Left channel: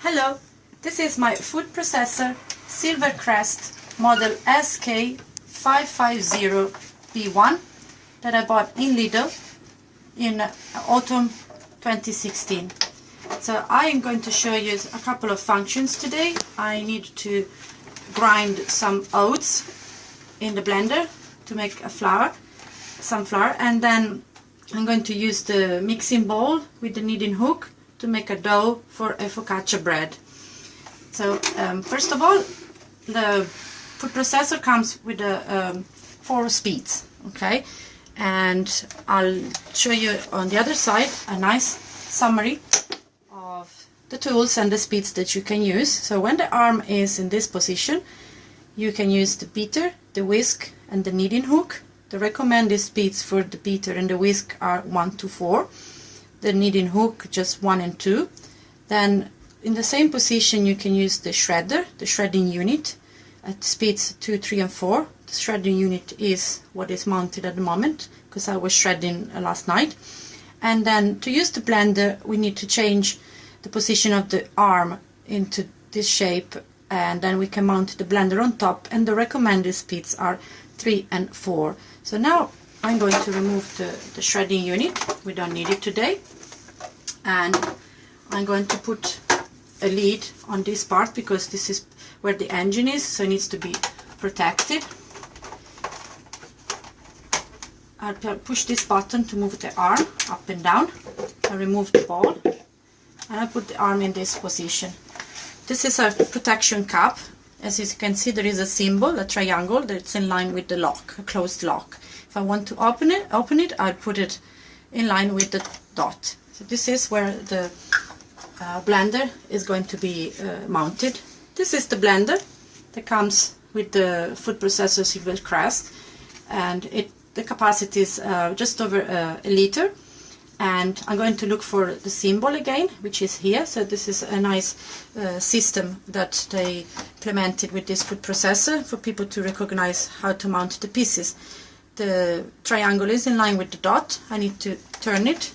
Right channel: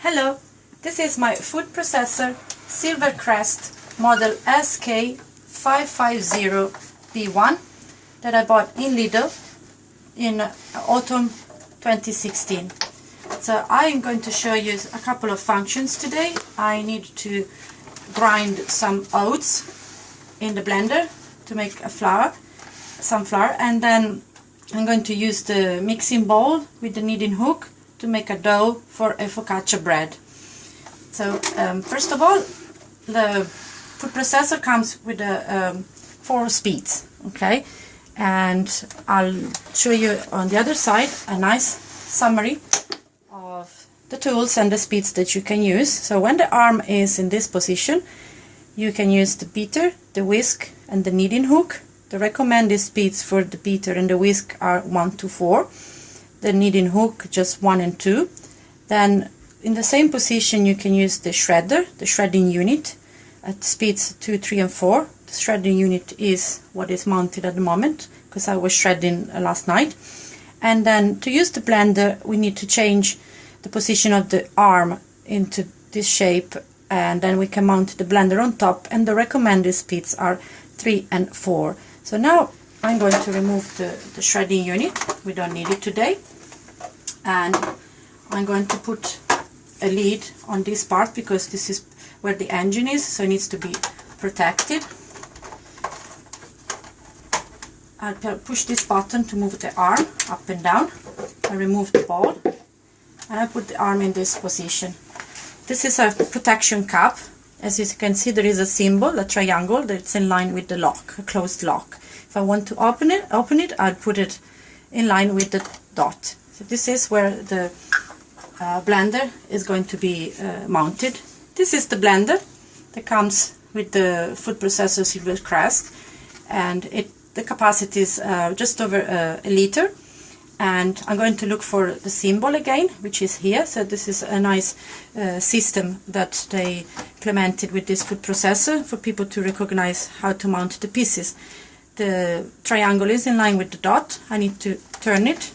Hello, this is my food processor Silvercrest model SK550B1 that I bought in Lidl in autumn 2016. So I am going to show you a couple of functions today. I need to grind some oats in the blender to make some flour, and then I'm going to use the mixing bowl with the kneading hook to make a dough for a focaccia bread. So first of all, the food processor comes with 4 speeds, okay? And I'll show you on the other side a nice summary of the tools and the speeds that you can use. So when the arm is in this position, you can use the beater, the whisk, and the kneading hook. The recommended speeds for the beater and the whisk are 1 to 4. The kneading hook just 1 and 2. Then in the same position you can use the shredder, the shredding unit, at speeds 2, 3 and 4. The shredding unit is what is mounted at the moment because I was shredding last night. And then to use the blender we need to change the position of the arm into this shape, and then we can mount the blender on top, and the recommended speeds are 3 and 4. So now I'm going to remove the shredding unit. We don't need it today. And I'm going to put a lid on this part because this is where the engine is, so it needs to be protected. I'll push this button to move the arm up and down. I remove the ball and I put the arm in this position. This is a protection cap. As you can see, there is a symbol, a triangle, that's in line with the lock, a closed lock. If I want to open it, I'll put it in line with the dot. So this is where the blender is going to be mounted. This is the blender that comes with the food processor Silvecrest, and the capacity is just over a liter. And I'm going to look for the symbol again, which is here. So this is a nice system that they implemented with this food processor for people to recognize how to mount the pieces. The triangle is in line with the dot. I need to turn it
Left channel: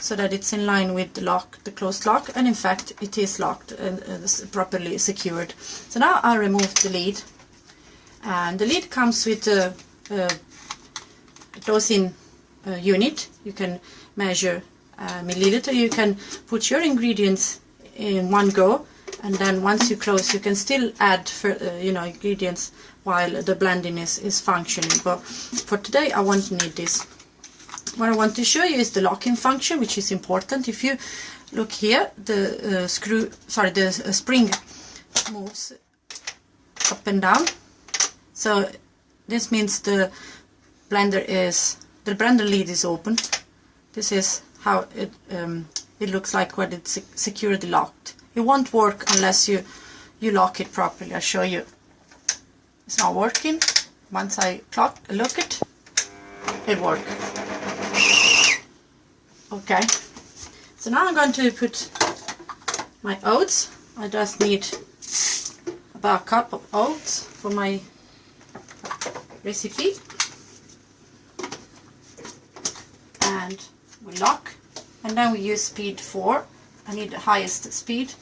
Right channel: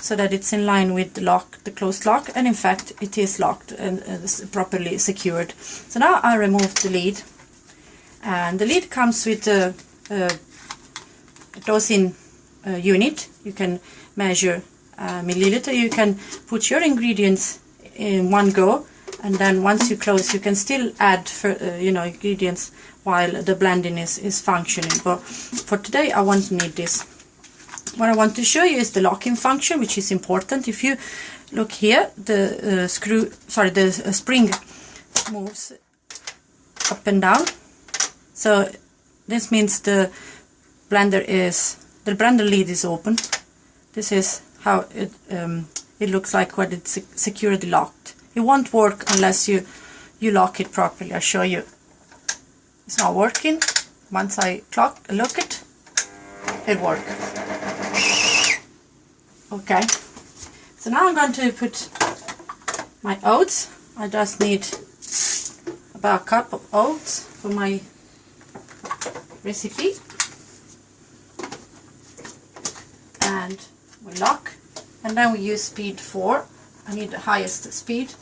so that it's in line with the lock, the closed lock, and in fact it is locked and properly secured. So now I remove the lid, and the lid comes with a dosing unit. You can measure milliliter. You can put your ingredients in one go, and then once you close you can still add ingredients while the blending is functioning. But for today I won't need this. What I want to show you is the locking function, which is important. If you look here, the spring moves up and down, so this means the blender lid is open. This is how it looks like when it's securely locked. It won't work unless you lock it properly. I'll show you. It's not working. Once I lock it, it works. Okay. So now I'm going to put my oats. I just need about a cup of oats for my recipe. And we lock, and then we use speed 4. I need the highest speed.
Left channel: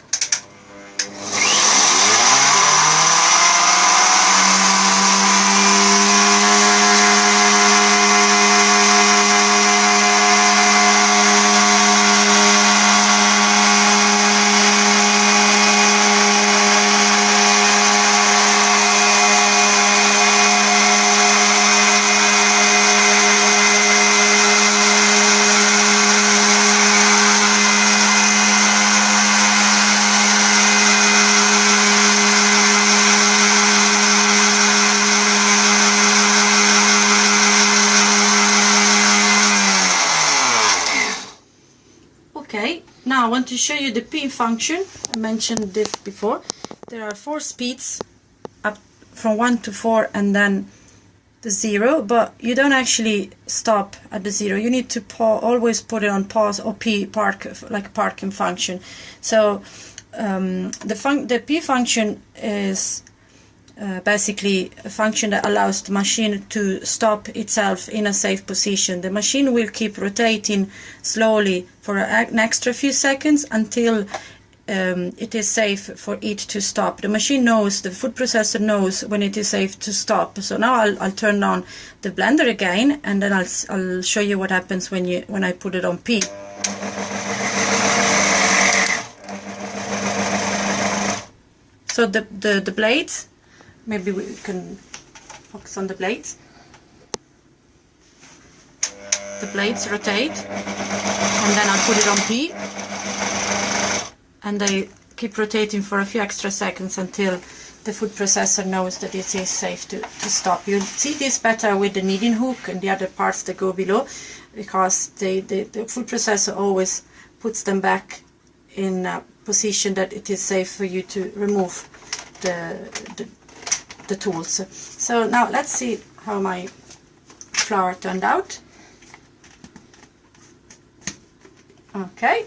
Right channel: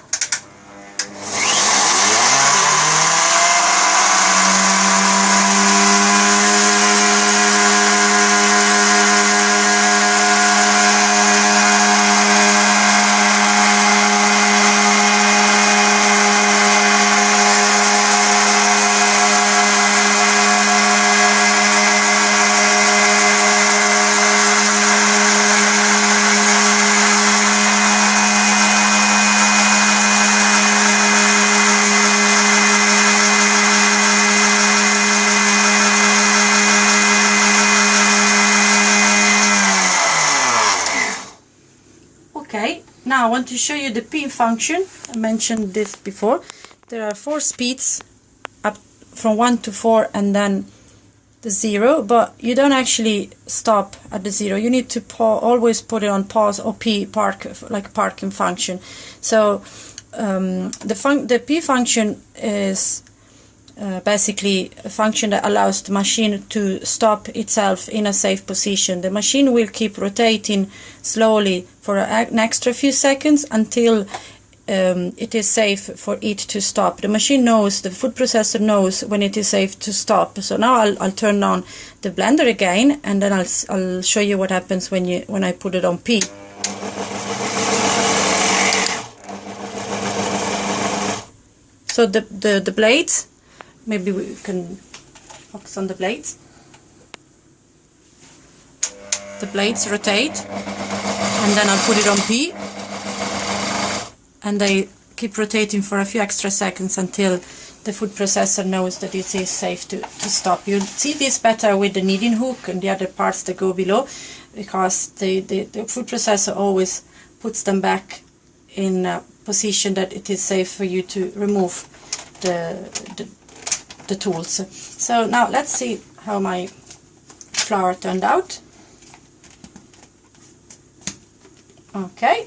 Okay, now I want to show you the P function. I mentioned this before. There are 4 speeds, up from 1 to 4 and then the 0, but you don't actually stop at the 0. You need to always put it on pause or like parking function. So the P function is basically a function that allows the machine to stop itself in a safe position. The machine will keep rotating slowly for an extra few seconds until it is safe for it to stop. The machine knows, the food processor knows when it is safe to stop. So now I'll turn on the blender again, and then I'll show you what happens when I put it on P. So the blades, maybe we can focus on the blades. The blades rotate, and then I'll put it on P, and they keep rotating for a few extra seconds until the food processor knows that it is safe to stop. You'll see this better with the kneading hook and the other parts that go below, because the food processor always puts them back in a position that it is safe for you to remove the tools. So now let's see how my flour turned out. Okay.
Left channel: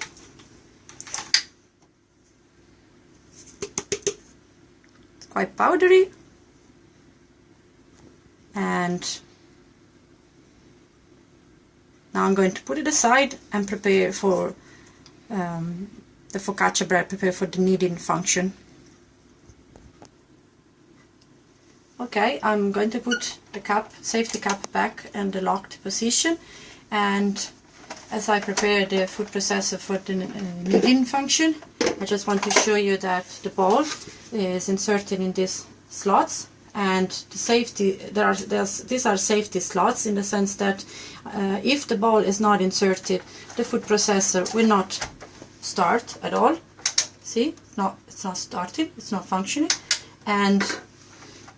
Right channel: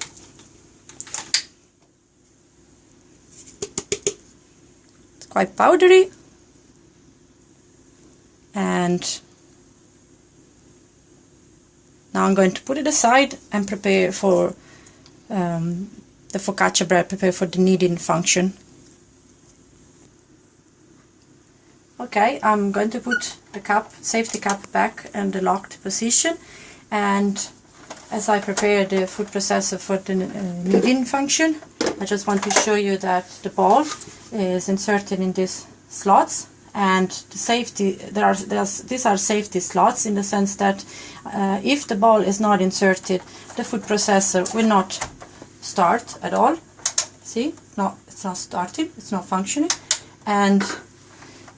It's quite powdery, and now I'm going to put it aside and prepare for the focaccia bread, prepare for the kneading function. Okay, I'm going to put the cup, safety cup back in the locked position, and as I prepare the food processor for the kneading function, I just want to show you that the ball is inserted in these slots, and the safety, these are safety slots in the sense that if the ball is not inserted, the food processor will not start at all. See, it's not starting, it's not functioning, and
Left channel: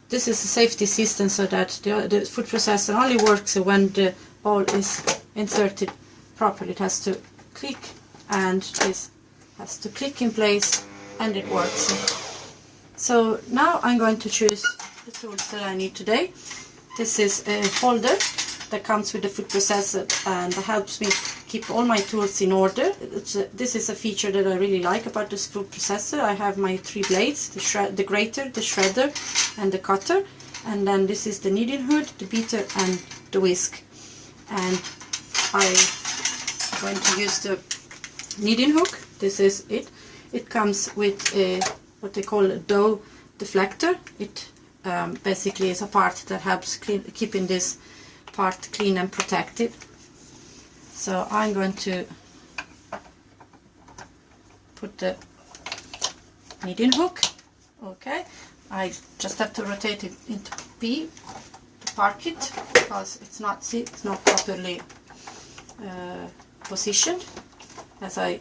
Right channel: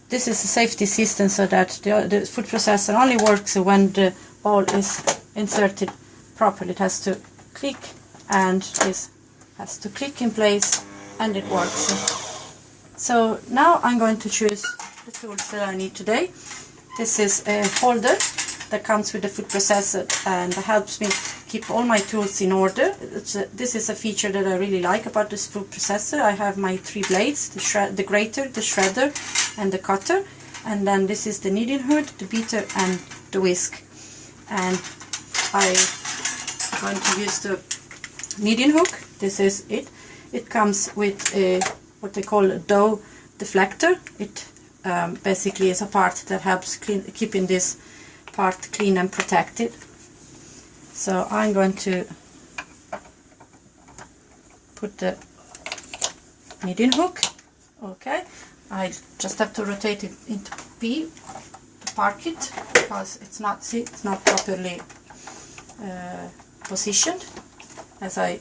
this is a safety system so that the food processor only works when the ball is inserted properly. It has to click, and this has to click in place, and it works. So now I'm going to choose the tools that I need today. This is a holder that comes with the food processor and helps me keep all my tools in order. This is a feature that I really like about this food processor. I have my 3 blades, the grater, the shredder, and the cutter, and then this is the kneading hood, the beater, and the whisk. And I'm going to use the kneading hook. This is it. It comes with what they call a dough deflector. It basically is a part that helps keeping this part clean and protected. So I'm going to put the kneading hook. Okay, I just have to rotate it into P to park it, because it's not properly positioned. As I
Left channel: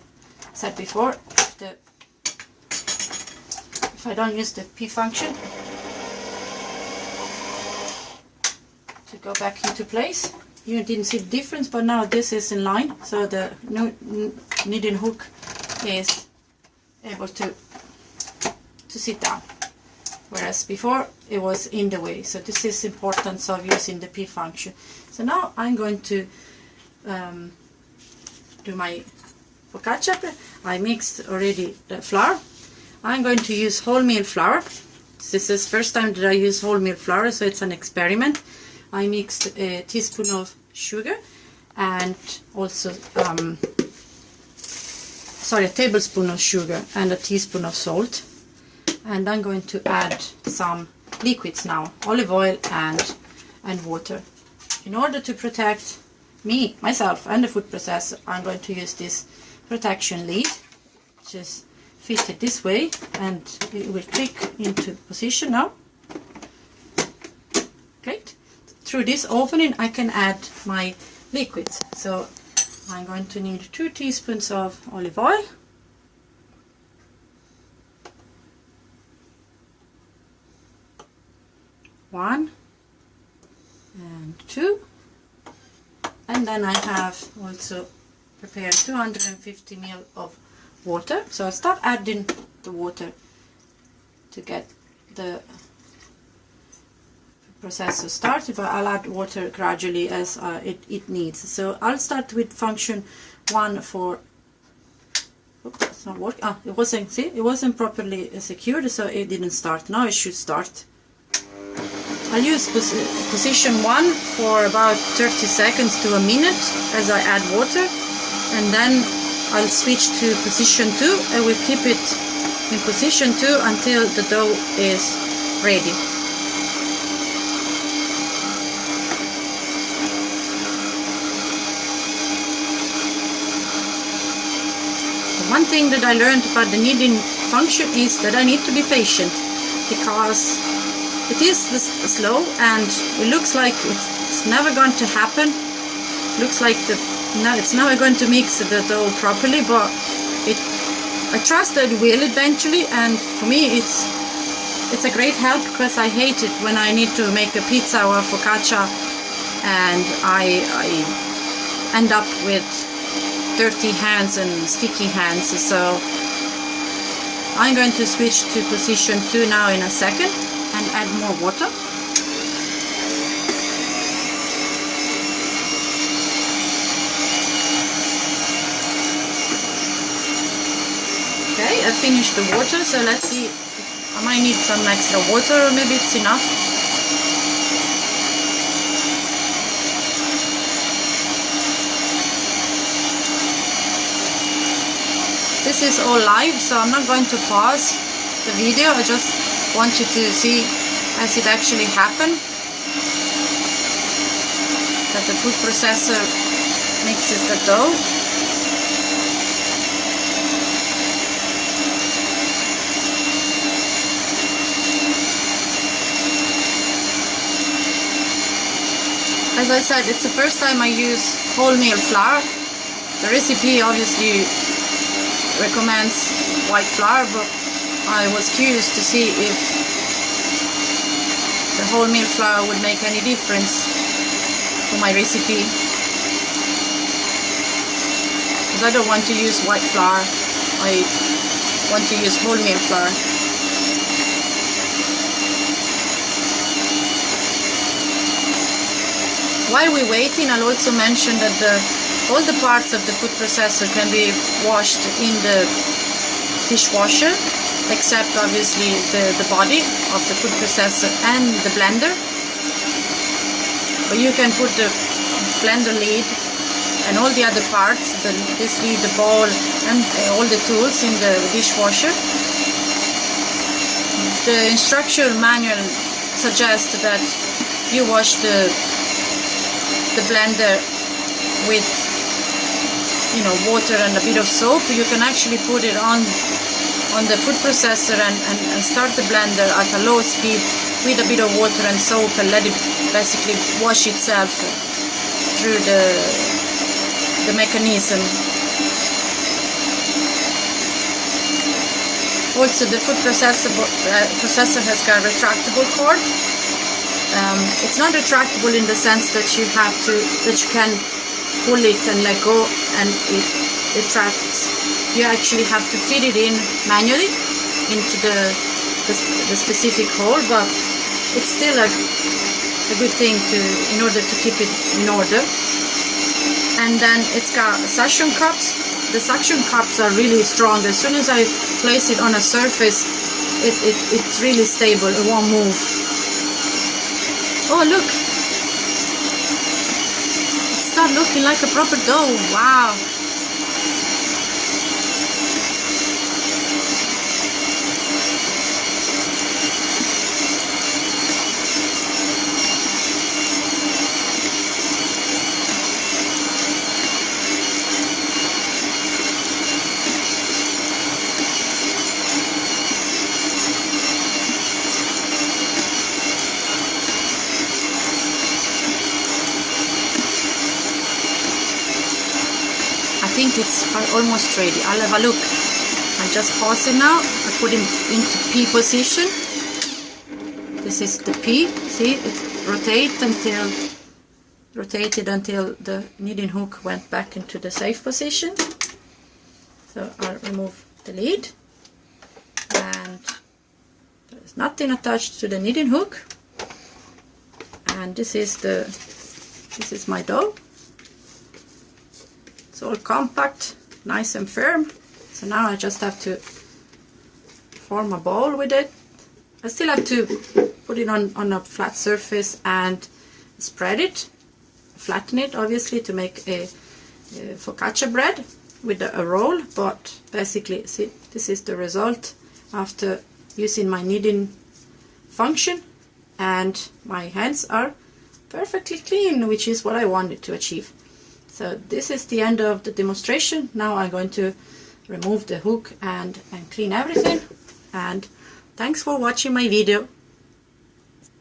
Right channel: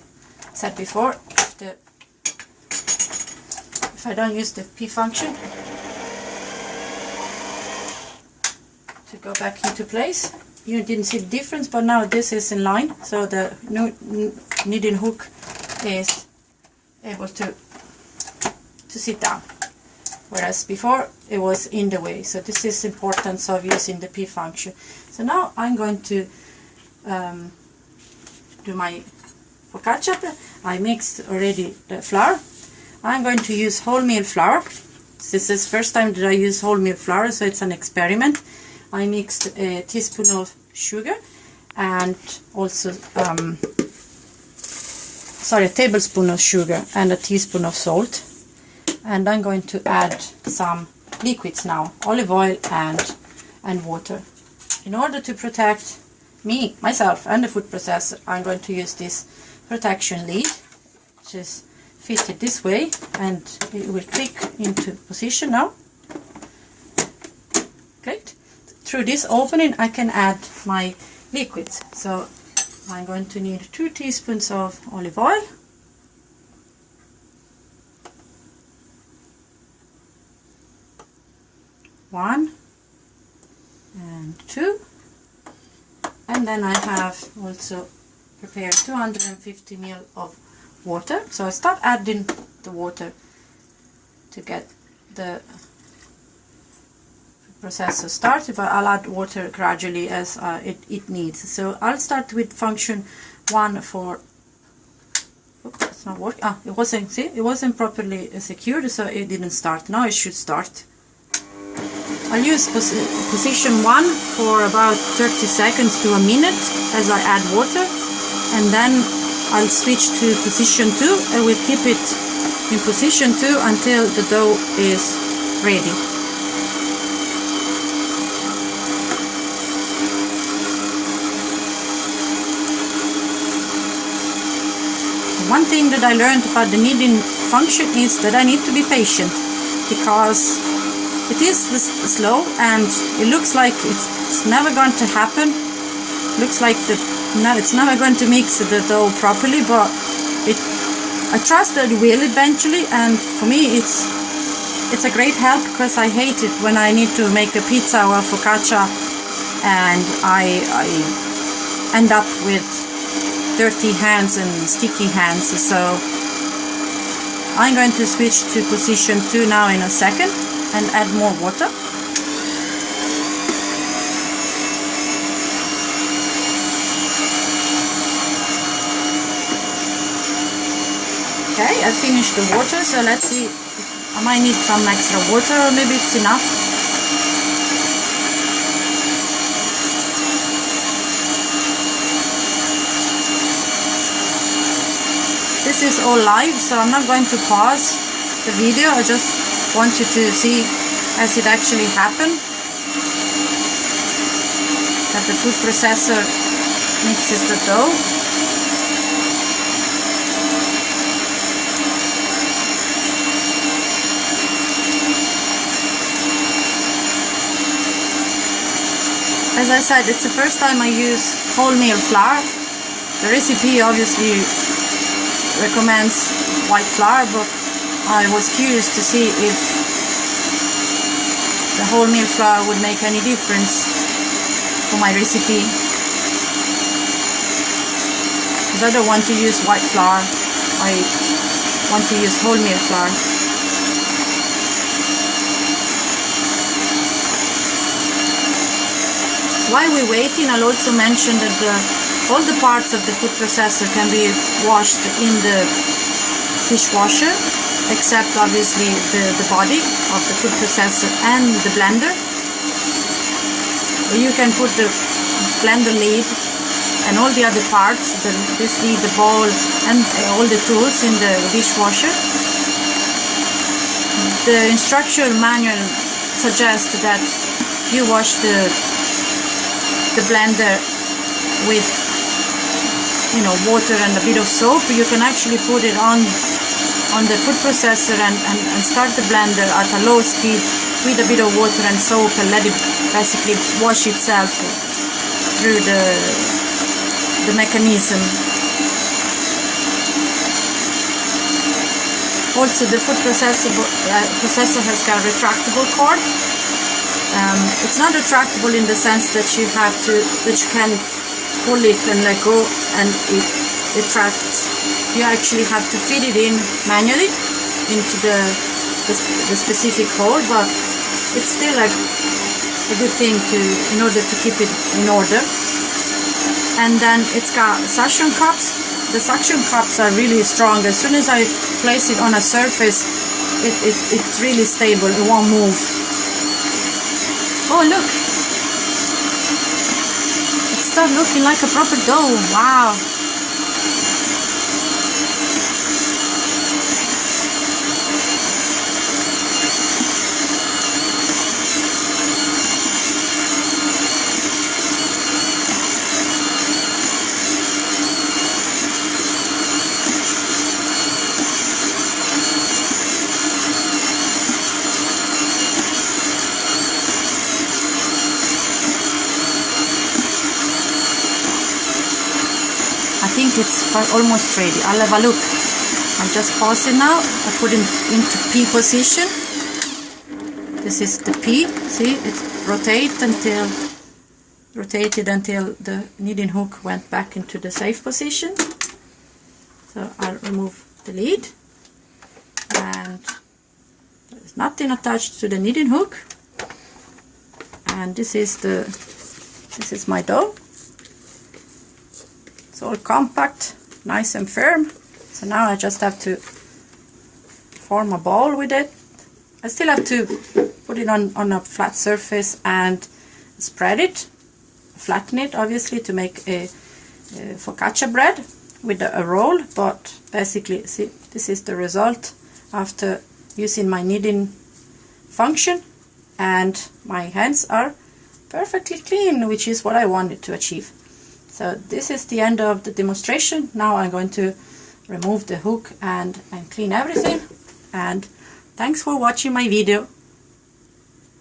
said before, if I don't use the P function to go back into place, you didn't see the difference, but now this is in line, so the kneading hook is able to sit down, whereas before it was in the way. So this is the importance of using the P function. So now I'm going to do my focaccia. I mixed already the flour. I'm going to use wholemeal flour. This is the first time that I use wholemeal flour, so it's an experiment. I mixed a teaspoon of sugar and also a tablespoon of sugar and a teaspoon of salt, and I'm going to add some liquids now, olive oil and water. In order to protect myself and the food processor, I'm going to use this protection lead, which is fitted this way, and it will click into position now. Okay. Through this opening I can add my liquids. So I'm going to need 2 teaspoons of olive oil, one and 2, and then I have also prepared 250 ml of water. So I start adding the water to get the processor started, but I'll add water gradually as it needs. So I'll start with function 1 for, oops, it's not working. It wasn't, see, it wasn't properly secured, so it didn't start. Now it should start. I'll use position 1 for about 30 seconds to a minute as I add water, and then I'll switch to position 2 and we'll keep it in position 2 until the dough is ready. One thing that I learned about the kneading function is that I need to be patient, because it is slow and it looks like it's never going to happen. Looks like it's never going to mix the dough properly, but I trust that it will eventually. And for me it's a great help, because I hate it when I need to make a pizza or focaccia and I end up with dirty hands and sticky hands. So I'm going to switch to position 2 now in a second and add more water. Okay, I finished the water, so let's see. I might need some extra water, or maybe it's enough. This is all live, so I'm not going to pause the video. I just want you to see as it actually happened, that the food processor mixes the dough. As I said, it's the first time I use wholemeal flour. The recipe obviously recommends white flour, but I was curious to see if the wholemeal flour would make any difference for my recipe, because I don't want to use white flour, I want to use wholemeal flour. While we're waiting, I'll also mention that all the parts of the food processor can be washed in the dishwasher, except obviously the body of the food processor and the blender. You can put the blender lid and all the other parts, this lid, the bowl, and all the tools in the dishwasher. The instruction manual suggests that you wash the blender with water and a bit of soap. You can actually put it on the food processor and start the blender at a low speed with a bit of water and soap and let it basically wash itself through the mechanism. Also, the food processor has got a retractable cord. It's not retractable in the sense that you can pull it and let go and it retracts. You actually have to fit it in manually into the specific hole, but it's still a good thing in order to keep it in order. And then it's got suction cups. The suction cups are really strong. As soon as I place it on a surface, it's really stable. It won't move. Oh, look! It started looking like a proper dough. Wow! I think it's almost ready. I'll have a look. I'll just pause it now. I put it into P position. This is the P. See, it's rotated until the kneading hook went back into the safe position. So I'll remove the lid, and there's nothing attached to the kneading hook. And this is my dough. It's all compact, nice and firm. So now I just have to form a ball with it. I still have to put it on a flat surface and spread it, flatten it obviously to make a focaccia bread. with a roll, but basically, see, this is the result after using my kneading function, and my hands are perfectly clean, which is what I wanted to achieve. So this is the end of the demonstration. Now I'm going to remove the hook and clean everything, and thanks for watching my video.